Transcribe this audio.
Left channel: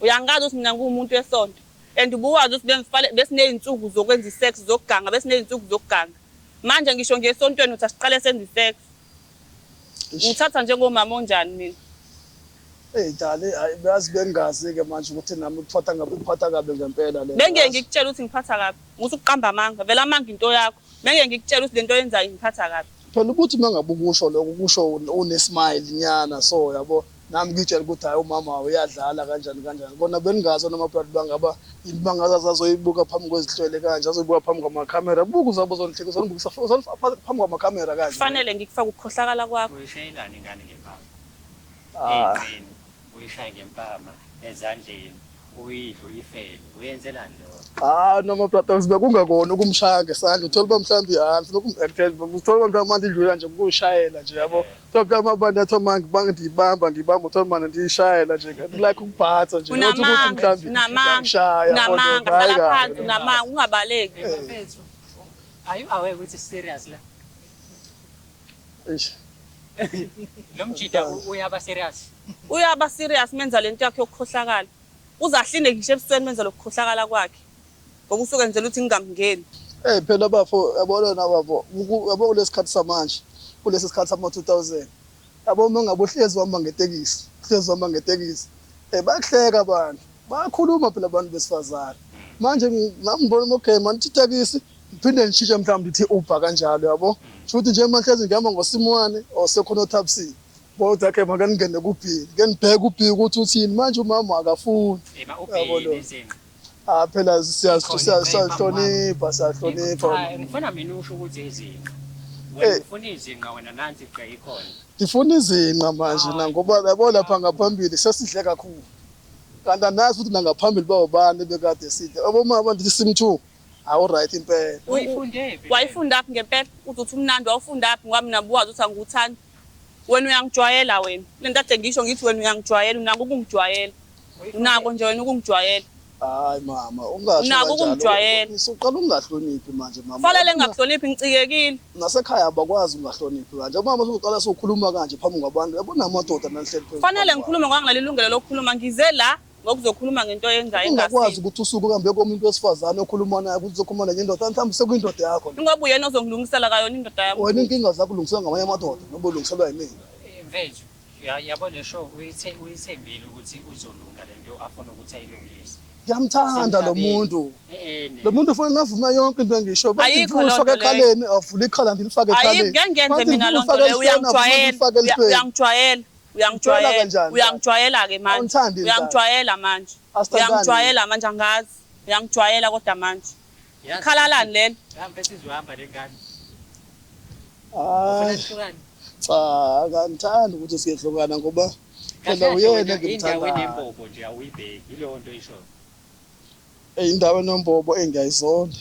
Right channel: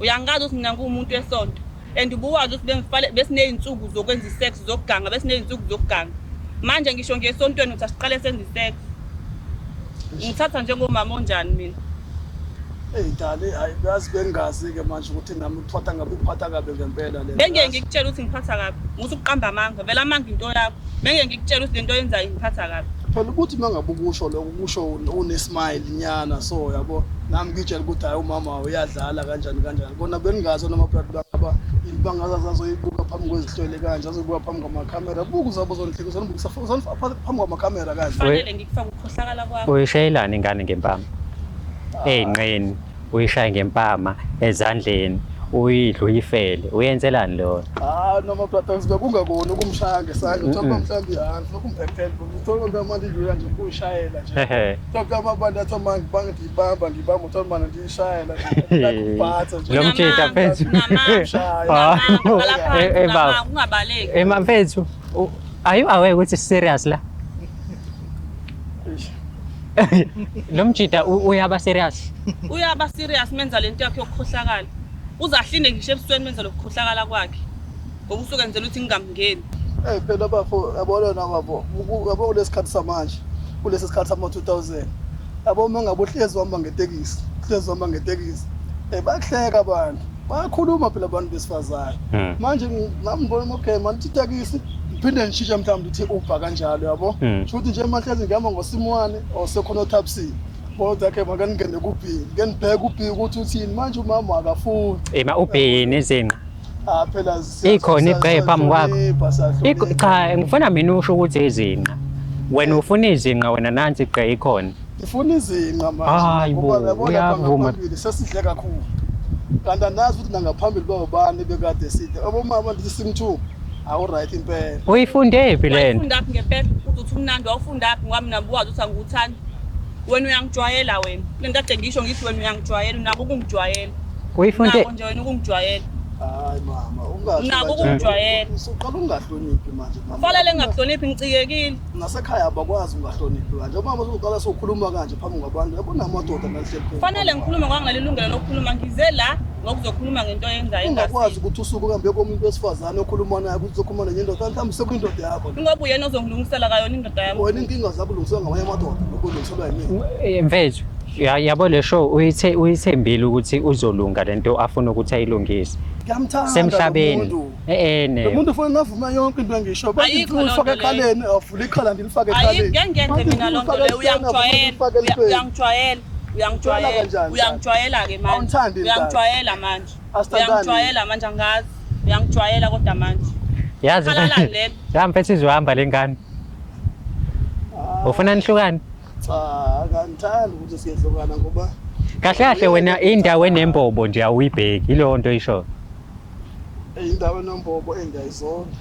Uyangazi ukuthi mina ngumuntu wesonto and ubuwazi ukuthi besiney'nsuku zokwenza isex zokuganga besiney'nsuku zokuganga. Manje ngisho ngesontweni uthi asiqale senze isex. Ngithatha njengomama onjani mina? Dale, yazi bengazi-ke manje ukuthi nami ngiphatha kabi ngempela le. Bengeke ngikutshela ukuthi ngiphatha kabi. Ngusuqamba amanga, vele amanga into yakho. Bengeke ngikutshela ukuthi lento oyenzayo ngiphatha kabi. Phela ukuthi mangabe ukusho lokho kusho unesmile nyana so yabo nami ngitshela ukuthi hayi umama uyadlala kanjani bona beningazi noma brother bangaba bangaza azoyibuka phambi kwezihlwele kanje azoyibuka phambi kwamakhamera buku zabo zonhleki uzonifaka phambi kwamakhamera kanje fanele ngikufaka ukukhohlakala kwakho uyishayelana ingane ngempama ey'nqeni uyishaye ngempama ezandleni uyidla uyifele uyenzelani lo noma brother sibe kungakona ukumshaya ngesandla uthola mhlawumbe ihansi lokhu ngempela uthola manje manje idlula nje ukuyishayela nje yabo uthola amabandi athi manje bangidibamba uthola manje ndiyishayela nje like uphatha nje namanga ungabaleki mfethu are you aware ukuthi serious la lo mjida uyaba serious menza lento yakhe yokukhohlakala uzahline ngisho ebusweni menza lokukhohlakala kwakhe ngoba usuke nje ukuthi ngingamngeni phela bafo yabona bafo yabo kulesikhathi samanje kulesi sikhathi sama 2000 yabo uma ngabohlezi wamba ngetekisi bayahleka abantu bayakhuluma phela abantu besifazane manje ngambona okay manje itekisi phinde ngishisha mhlawumbe ithi Uber kanjalo yabo futhi nje mahlezi ngihamba ngosimwane osekhona taxi kodwa ke makaningene kuphini ngenibheka ubhiki ukuthi uthini manje umama akafuni ubhini izinqa phela ikhona igqe phambi kwakho cha ngifuna mina usho ukuthi izinqa wena ufuna izinqa wena nansi igqe ikhona ngifuna izinqa manje ngoba yabona lapha ngaphambili sesihle kakhulu kanti andazi ukuthi nangaphambili bawubani bekade side abomama ndithi sim2 awu right impela uyifunde phi lena wayifunda phi ngempela uthi umnandi wawufunda phi ngoba mina buwazi ukuthi angikuthandi wena uyangijwayela wena lento ade ngisho ngithi wena uyangijwayela unako ukungijwayela uyifunde nako nje wena ukungijwayela hayi mama ungasho nako ukungijwayela usuqala ungahloniphi manje mama fanele ngingakuhloniphi ngicikekile nasekhaya abakwazi ungahloniphi kanje mama usuqala sokukhuluma kanje phambi kwabantu kunamadoda nahleli fanele ngikhuluma ngangalilungelo lokukhuluma ngize la ngokuzokhuluma ngento yenzayo ingakwazi ukuthi usuke uhambe komuntu wesifazane okhuluma naye ukuthi uzokhuluma nendoda mhlawumbe sekuyindoda yakho ngoba uyena ozongilungisela kayo indoda yami wena inkinga zakho ulungisela ngamanye amadoda nokulungiselwa yini mfethu yabo le show uyithembile ukuthi uzolunga lento afuna ukuthi ayilungise ngiyamthanda lo muntu lo muntu ufuna ngavuma yonke into engisho ufake ekhaleni avule ikhala ndilifake ekhaleni ngiyenze mina lonto leyo uyangijwayela ke manje uyangijwayela manje angazi uyangijwayela kodwa manje yazi khalalani lelo mfethu izohamba lengane ufuna nihlukane cha ngithanda ukuthi siyehlukana ngoba kahle wena indawo enembobo nje awuyibheki ileyo nto isho indawo enombobo engiyayizonda